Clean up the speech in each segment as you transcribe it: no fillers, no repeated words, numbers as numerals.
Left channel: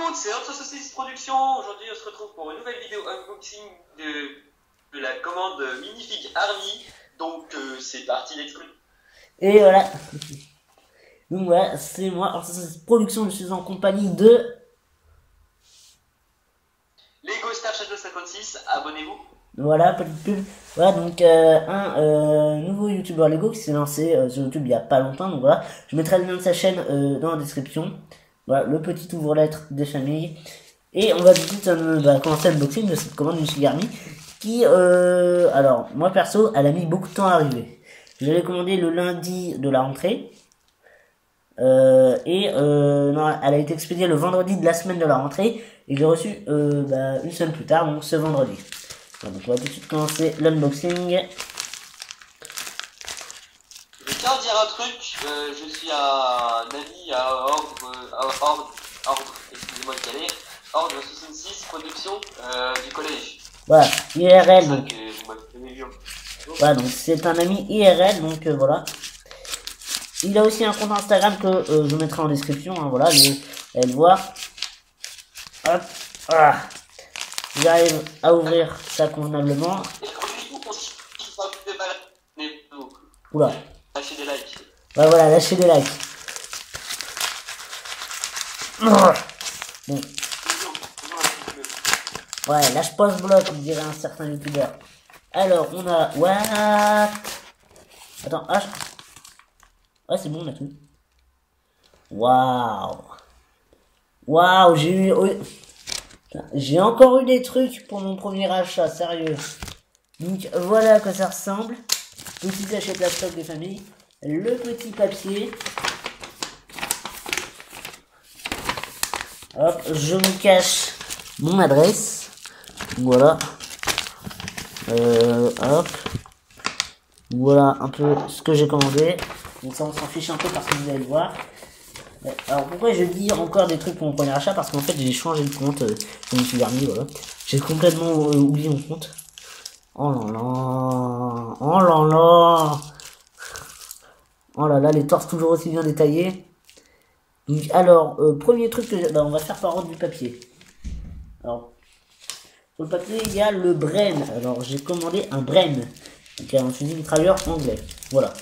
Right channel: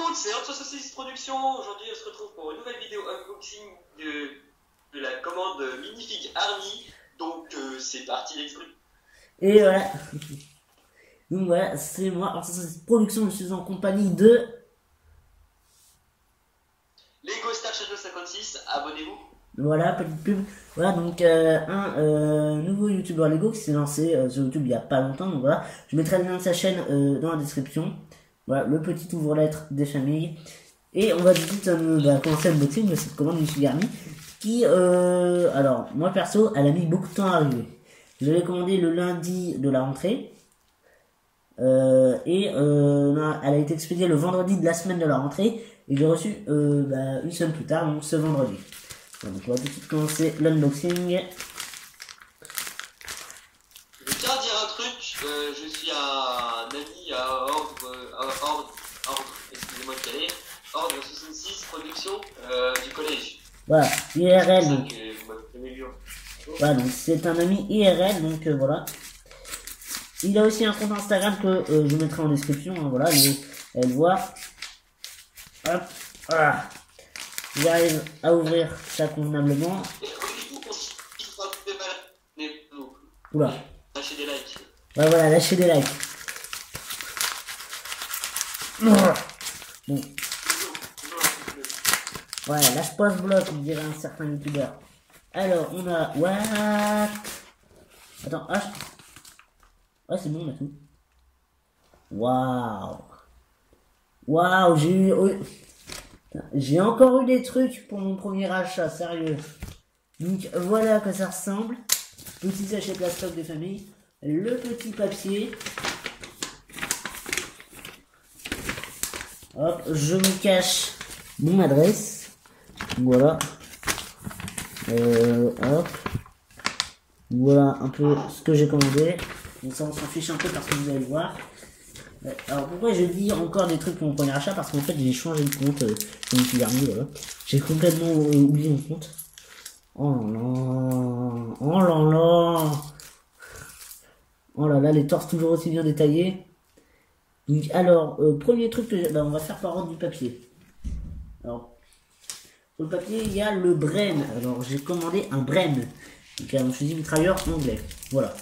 monde, c'est Hors Saucisse Productions. Aujourd'hui, on se retrouve pour une nouvelle vidéo unboxing de la commande Minifig Army. Donc, c'est parti, let's go. Et voilà. Donc voilà, c'est moi, Hors Saucisse Productions, je suis en compagnie de... Lego Star Shadow 56, abonnez-vous. Voilà, petite pub. Voilà, donc un nouveau youtubeur Lego qui s'est lancé sur YouTube il y a pas longtemps. Donc voilà, je mettrai le lien de sa chaîne dans la description. Voilà, le petit ouvre-lettre des familles. Et on va tout de suite commencer l'unboxing de cette commande Minifig Army qui, alors, moi perso, elle a mis beaucoup de temps à arriver. Je l'ai commandé le lundi de la rentrée. Non, elle a été expédiée le vendredi de la semaine de la rentrée. Et je l'ai reçu une semaine plus tard, donc ce vendredi. Donc on va tout de suite commencer l'unboxing. Je tiens à dire un truc, je suis un ami à Ordre, excusez-moi de caler, Ordre 66 Production du collège. Voilà, IRL. C'est Donc, que vous m'avez jamais vu. voilà, donc c'est un ami IRL, donc voilà. Il a aussi un compte Instagram que je mettrai en description, hein, voilà, allez le voir. Hop, voilà. J'arrive à ouvrir ça convenablement. Oula. Lâchez des likes. Ouais, voilà, lâchez des likes. Bon. Ouais, lâche pas ce bloc, on dirait un certain youtubeur. Alors, on a... What? Attends, ah, c'est bon, on a tout. Waouh. Waouh, j'ai encore eu des trucs pour mon premier achat, sérieux. Donc, voilà à quoi ça ressemble. Petit sachet plastoc des familles. Le petit papier. Hop, je vous cache mon adresse. Voilà. Hop. Voilà un peu ce que j'ai commandé. Donc ça on s'en fiche un peu parce que vous allez le voir. Alors pourquoi je dis encore des trucs pour mon premier achat? Parce qu'en fait j'ai changé de compte Minifig Army, voilà. J'ai complètement oublié mon compte. Oh là là. Oh là là. Oh là là, les torses toujours aussi bien détaillés. Donc, alors, premier truc que on va faire par ordre du papier. Alors, sur le papier, il y a le Bren. Alors, j'ai commandé un Bren. Donc, un fusil mitrailleur anglais. Voilà.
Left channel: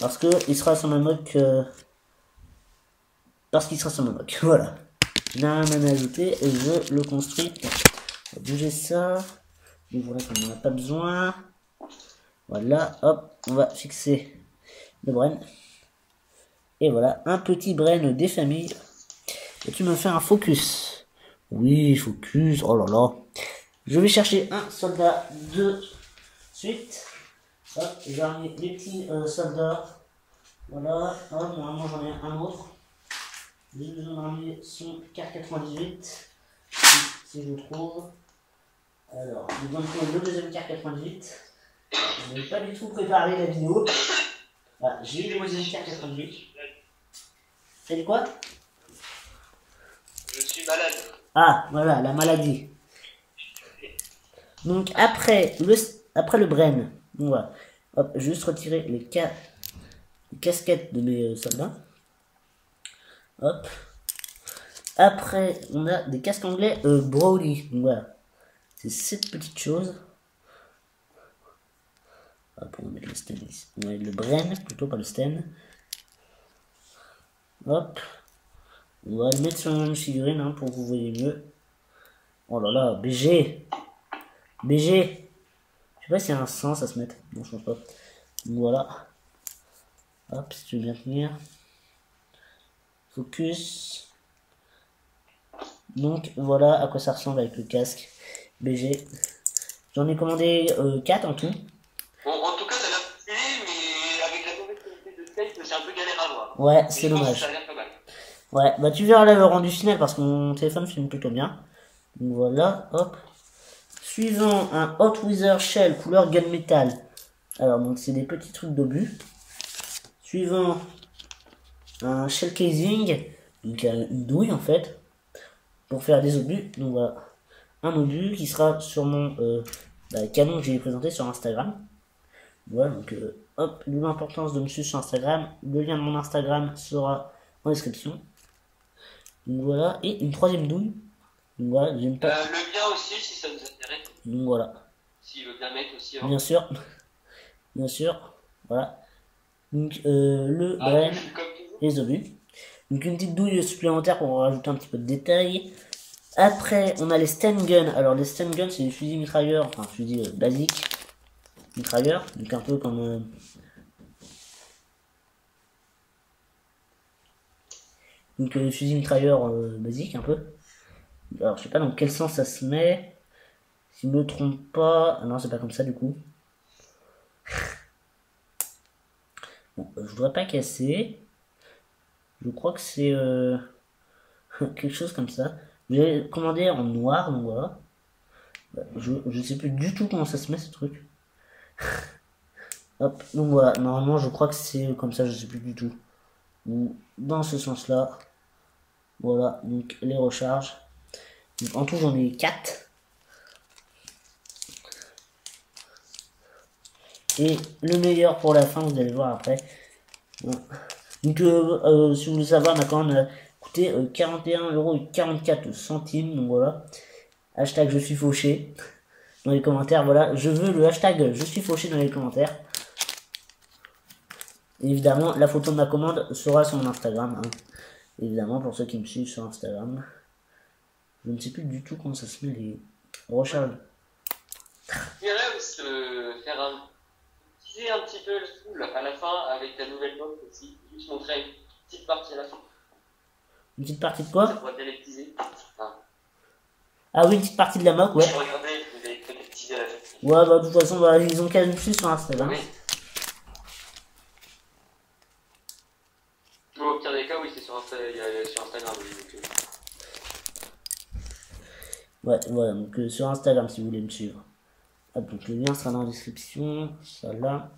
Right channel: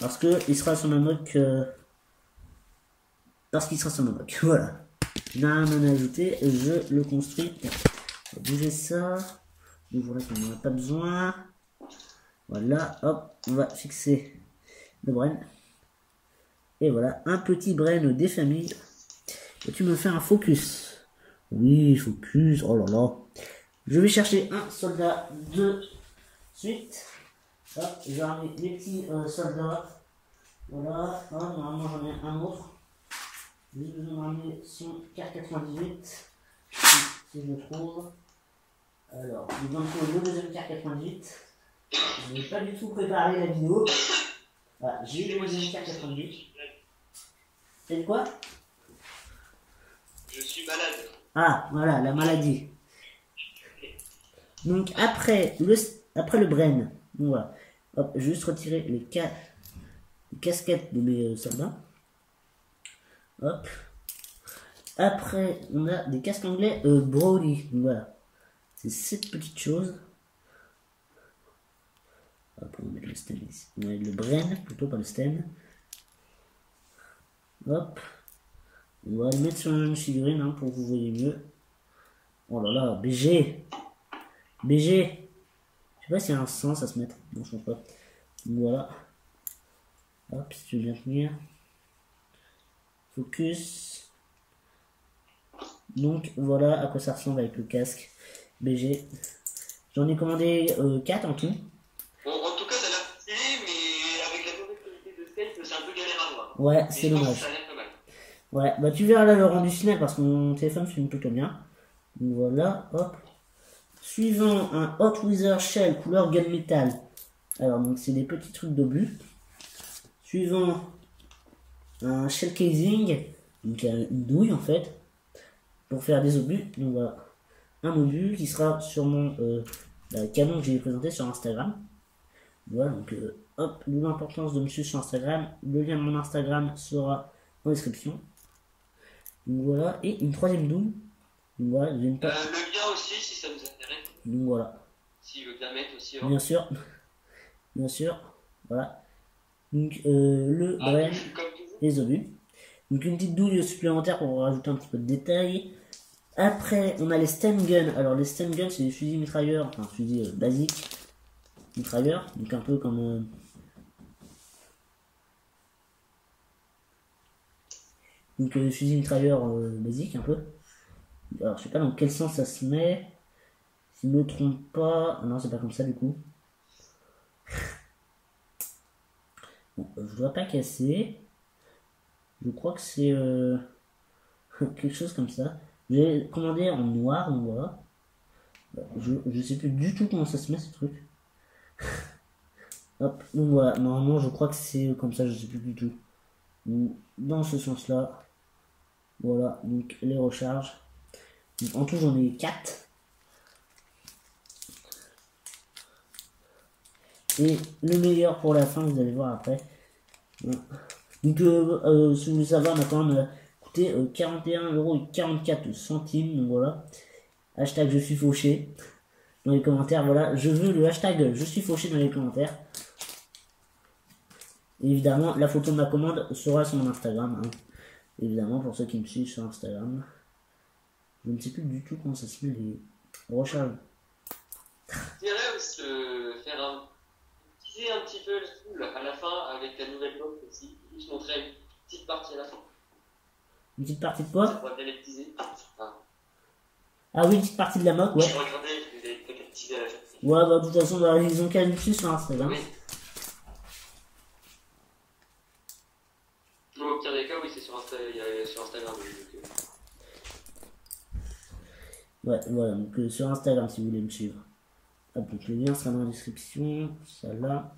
Parce que il sera sur ma moque. Parce qu'il sera sur ma moque. Voilà. Je n'ai rien à ajouter et je le construis. On va bouger ça. Donc, voilà, qu'on n'en a pas besoin. Voilà, hop, on va fixer le Bren. Et voilà, un petit Bren des familles. Et tu me fais un focus. Oui, focus. Oh là là. Je vais chercher un soldat de suite. Hop, j'ai ramené les petits soldats. Voilà, hop, normalement j'en ai un autre. J'ai besoin de ramener son car 98. Si je le trouve. Alors, j'ai besoin de trouver le deuxième car 98. Je n'ai pas du tout préparé la vidéo. Voilà, j'ai le deuxième car 98. C'est du quoi? Je suis malade. Ah, voilà, la maladie. Donc, après le Bren, on va juste retirer les casquettes de mes soldats. Hop. Après, on a des casques anglais Brownie. Donc, voilà. C'est cette petite chose. Hop, on va mettre le sten ici. On va mettre le Bren, plutôt pas le sten. Hop. On va le mettre sur une figurine hein, pour que vous voyez mieux. Oh là là, BG. BG. Je sais pas s'il y a un sens à se mettre. Non, je pense pas. Voilà. Hop, si tu veux bien tenir. Focus. Donc voilà à quoi ça ressemble avec le casque BG. J'en ai commandé 4 en tout. Bon, en tout cas, ça a l'air stylé, mais avec la mauvaise qualité de Skype, c'est un peu galère à voir. Ouais, c'est dommage. Ça a l'air pas mal. Ouais, bah tu verras le rendu final parce que mon téléphone filme plutôt bien. Donc voilà, hop. Suivant un Hot Wither Shell couleur gunmetal. Alors donc c'est des petits trucs d'obus. Suivant un shell casing, donc une douille en fait, pour faire des obus. Donc voilà, un obus qui sera sur mon canon que j'ai présenté sur Instagram. Voilà, donc hop, l'importance de me suivre sur Instagram. Le lien de mon Instagram sera en description. Donc voilà, et une troisième douille. Donc voilà, j'aime pas. Le lien aussi, si ça vous intéresse. Donc voilà, S'il veut bien mettre aussi. bien sûr, bien sûr, voilà. Donc le brain Comme toujours. résolu. Donc une petite douille supplémentaire pour rajouter un petit peu de détails. Après, on a les stun guns. Alors les stun guns, c'est des fusils mitrailleurs, enfin fusils basiques mitrailleurs, donc un peu comme donc fusil mitrailleur basique un peu. Alors je sais pas dans quel sens ça se met. Si je me trompe pas, non c'est pas comme ça du coup. Bon, je voudrais pas casser. Je crois que c'est quelque chose comme ça. J'ai commandé en noir, donc voilà. Je sais plus du tout comment ça se met ce truc. Hop, donc voilà, normalement je crois que c'est comme ça, je sais plus du tout. Ou dans ce sens là. Voilà, donc les recharges. Donc, en tout j'en ai 4. Et le meilleur pour la fin, vous allez voir après. Voilà. Donc si vous voulez savoir, maintenant on a coûté 41,44 €. Donc voilà. Hashtag je suis fauché dans les commentaires. Voilà, je veux le hashtag je suis fauché dans les commentaires. Et évidemment, la photo de ma commande sera sur mon Instagram. Hein. Évidemment, pour ceux qui me suivent sur Instagram. Je ne sais plus du tout comment ça se met les recharges. Je dirais aussi teaser un petit peu le full à la fin avec la nouvelle mode aussi. Juste montrer une petite partie à la fin. Une petite partie de quoi? Ça pourrait bien être teasé. Ah oui, une petite partie de la moque, ouais. Regardez, vous avez peut-être teasé à la fin. Ouais, bah de toute façon, bah, ils ont qu'à nous suivre sur Instagram. Oui. Au pire des cas, oui, c'est sur Instagram. Ouais, voilà, donc sur Instagram si vous voulez me suivre. Hop, donc le lien sera dans la description, ça là.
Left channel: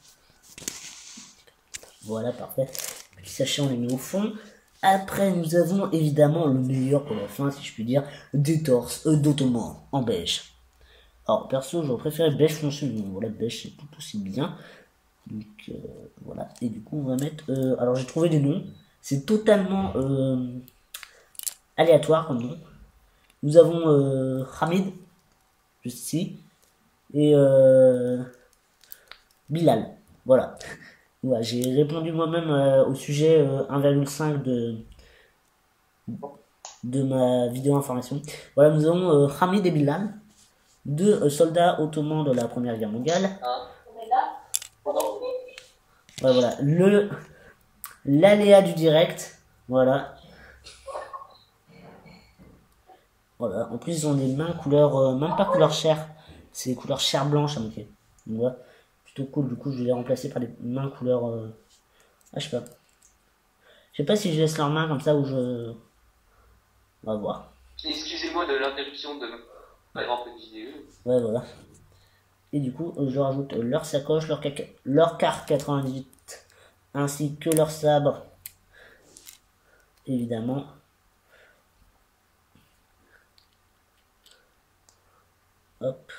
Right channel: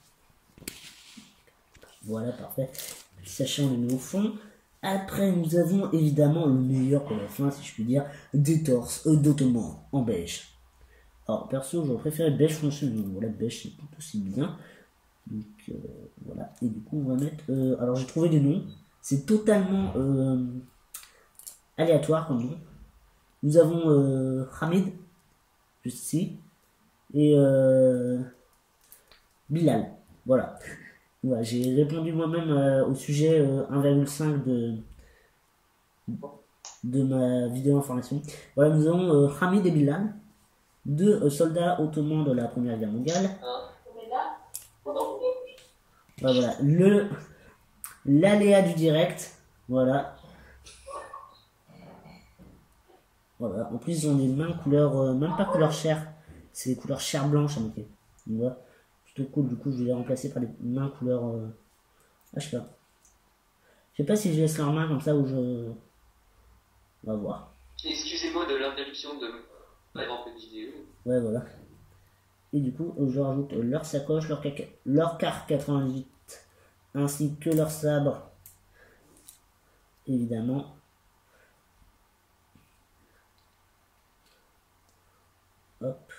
Voilà, parfait. Petit sachet, on les met au fond. Après, nous avons évidemment le meilleur pour la fin, si je puis dire, des torses d'Ottoman en beige. Alors, perso, j'aurais préféré beige foncé, mais voilà, beige c'est tout aussi bien. Donc, voilà. Et du coup, on va mettre. Alors, j'ai trouvé des noms. C'est totalement aléatoire comme nom. Nous avons Hamid, juste ici, et Bilal. Voilà. Voilà, j'ai répondu moi-même au sujet 1,5 de ma vidéo information. Voilà, nous avons Hamid et Bilal, deux soldats ottomans de la Première Guerre mondiale. Voilà, l'aléa du direct. Voilà. Voilà, en plus ils ont des mains couleur, même pas couleur chair, c'est des couleurs chair blanche à moitié. Donc voilà, plutôt cool, du coup je vais les remplacer par des mains couleur, ah je sais pas. Je sais pas si je laisse leurs mains comme ça ou je... On va voir. Excusez-moi de l'interruption de ma grande vidéo. Ouais voilà. Et du coup je rajoute leur sacoche, leur carte 98, ainsi que leur sabre. Évidemment. Hop.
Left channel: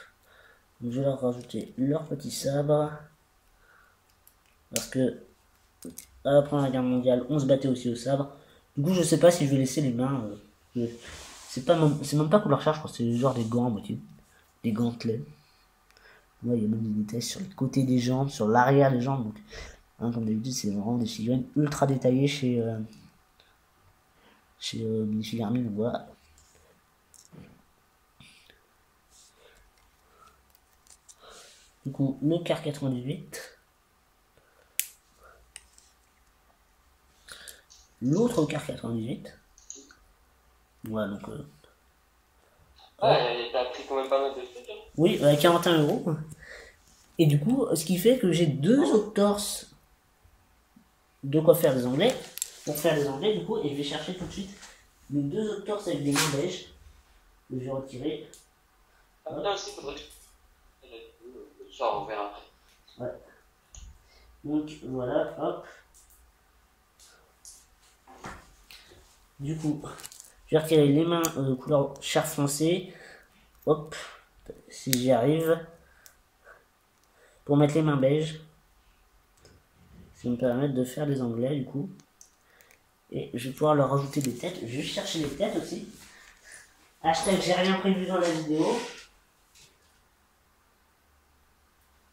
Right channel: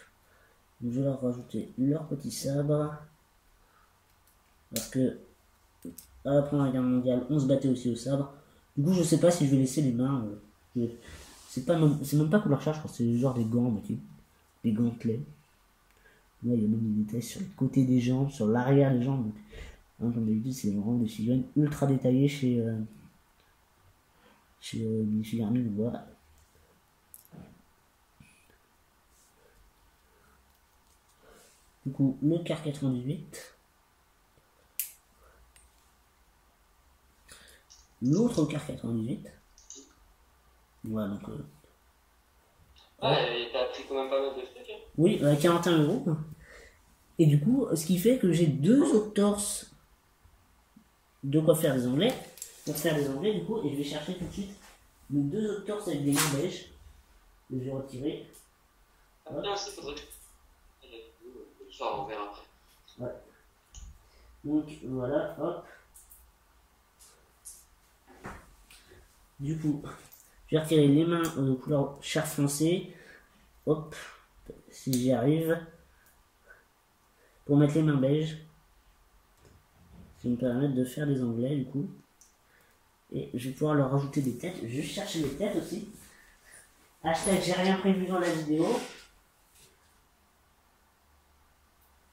Donc, je vais leur rajouter leur petit sabre. Parce que à la Première Guerre mondiale, on se battait aussi au sabre. Du coup, je sais pas si je vais laisser les mains. C'est même pas couleur charge, je crois que c'est genre des gants à moitié. Des gantelets. Là, il y a même des détails sur le côté des jambes, sur l'arrière des jambes. Donc, hein, comme d'habitude, c'est vraiment des figurines ultra détaillées chez Minifig Army. Donc voilà. Du coup, le car 98. L'autre car 98. Voilà, donc... Ouais, t'as pris quand même pas mal de trucs. Hein. Oui, 41 €. Et du coup, ce qui fait que j'ai deux autres torses de quoi faire les onglets. Pour faire les onglets, du coup, et je vais chercher tout de suite les deux autres torses avec des mains beige. Que je vais retirer. Ah, non, aussi, faudrait que ça, on verra après. Ouais. Donc, voilà, hop. Du coup, je vais retirer les mains couleur chair foncé. Hop, si j'y arrive. Pour mettre les mains beige. Ça va me permettre de faire les onglets, du coup. Et je vais pouvoir leur rajouter des têtes. Je vais chercher les têtes aussi. Hashtag j'ai rien prévu dans la vidéo.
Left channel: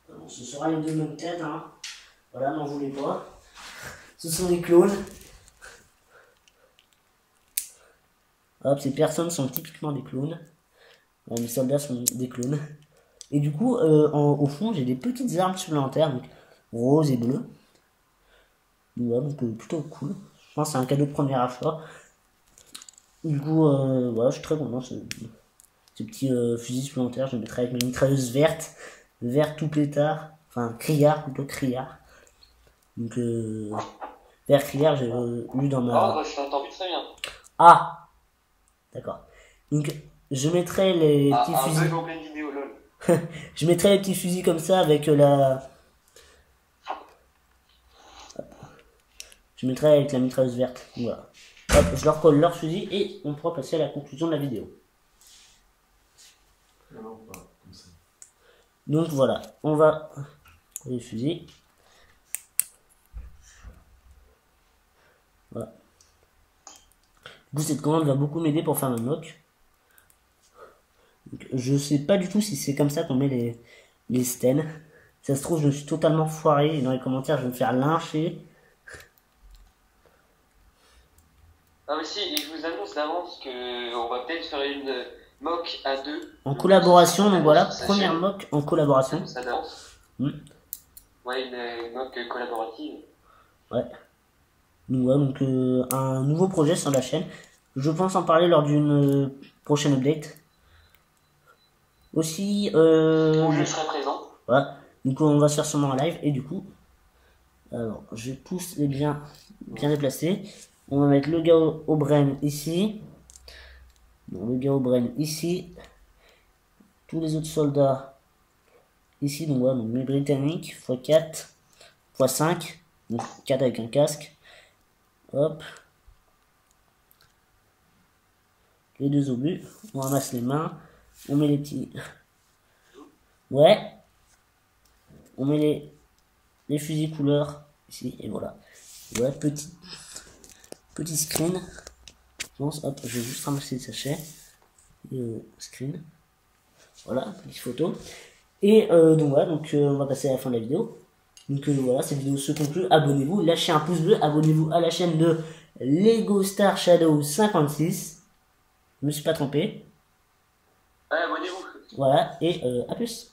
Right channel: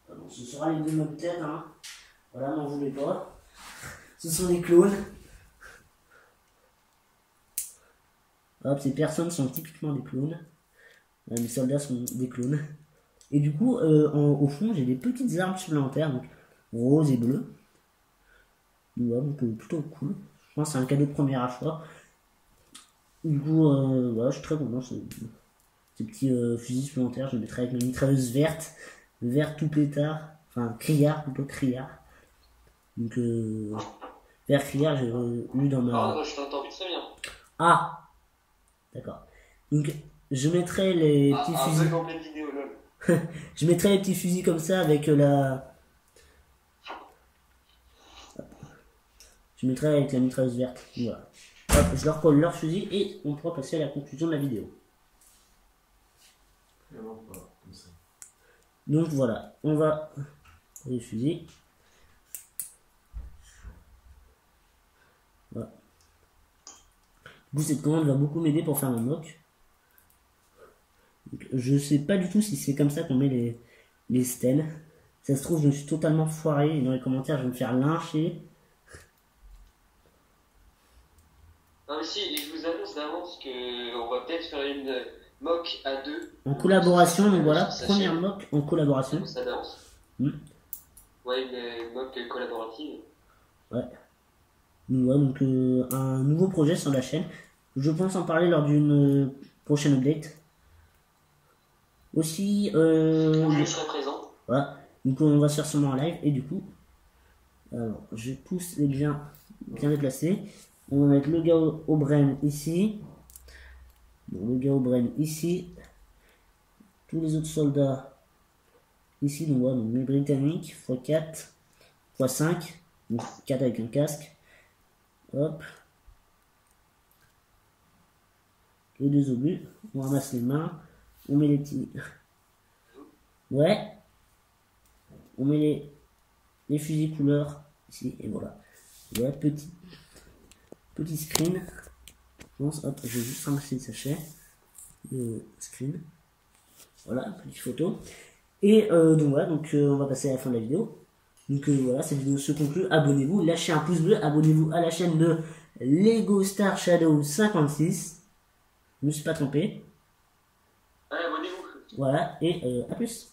Bon, ce sera les deux mêmes têtes. Hein. Voilà, n'en voulez pas. Ce sont les clones. Hop, ces personnes sont typiquement des clones. Mes soldats sont des clones. Et du coup, au fond, j'ai des petites armes supplémentaires. Donc, rose et bleu. Ouais, donc plutôt cool. Je pense que c'est un cadeau de premier achat. Du coup, voilà, je suis très content. Ces petits fusils supplémentaires, je les mettrai avec ma mitrailleuse verte. Vert tout pétard. Enfin, criard, plutôt criard. Donc, vert criard, j'ai lu dans ma... Oh, je t'entends plus très bien. Ah, d'accord. Donc, je mettrai les petits un fusils... bug en pleine vidéo, lol. Je mettrai les petits fusils comme ça avec la... Je mettrai avec la mitrailleuse verte. Voilà. Hop, je leur colle leur fusil et on pourra passer à la conclusion de la vidéo. Non, pas comme ça. Donc voilà, on va les fusils. Voilà. Du coup, cette commande va beaucoup m'aider pour faire ma mock. Donc, je sais pas du tout si c'est comme ça qu'on met les stènes. Ça se trouve, je me suis totalement foiré et dans les commentaires, je vais me faire lyncher. Non mais si, et je vous annonce d'avance qu'on va peut-être faire une mock à deux. En collaboration, donc voilà, première mock en collaboration. Ça d'avance. Ouais, une mock collaborative. Ouais. Donc, un nouveau projet sur la chaîne. Je pense en parler lors d'une prochaine update. Aussi, Où je serai présent. Voilà. Du coup, on va se faire sûrement un live. Et du coup, alors, je pousse les bien déplacés. On va mettre le gars au brain ici. Bon, le gars au brain ici. Tous les autres soldats ici. Donc, voilà, donc les britanniques, x4, x5. Donc, 4 avec un casque. Hop. Les deux obus. On ramasse les mains. On met les petits... Ouais. On met les fusils couleur ici. Et voilà. Ouais, petit screen. Je pense, hop, je vais juste ramasser le sachet. Screen. Voilà, petite photo. Et donc voilà, donc on va passer à la fin de la vidéo. Donc voilà, cette vidéo se conclut. Abonnez-vous, lâchez un pouce bleu, abonnez-vous à la chaîne de Lego Star Shadow 56. Je me suis pas trompé. Ouais, abonnez-vous. Voilà, et à plus.